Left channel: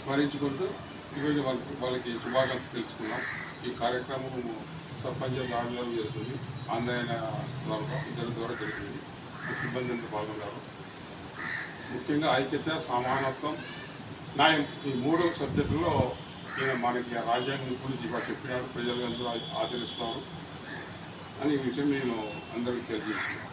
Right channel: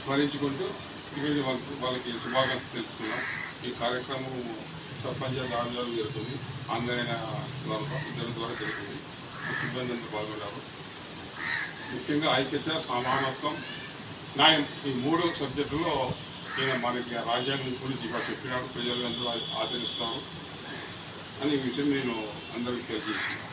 స్మరించుకుంటూ ఈరోజు వాళ్ళకి శుభాకాంక్షలు తెలుసుకున్నాం. ఈ కార్యక్రమం సర్పంచ్ ఆధ్వర్యంలో జరుగుతుంది, ఆన్లైన్ ఇద్దరి ద్వారా జరుగుతుంది. సిబ్బంది అంతా పాల్గొన్నారు. ముఖ్యంగా ఐక్యత, సమానత్వం, న్యాయం ఈ 3 సబ్జెక్టుల్లో ఈయన మనకి రాజ్యాంగం గురించి ఇవాళ చెప్పినాడు. ప్రజలందరూ ఆచరిస్తున్నారు అని ఈ విషయం నేను అందరికీ తెలియజేస్తున్నాను.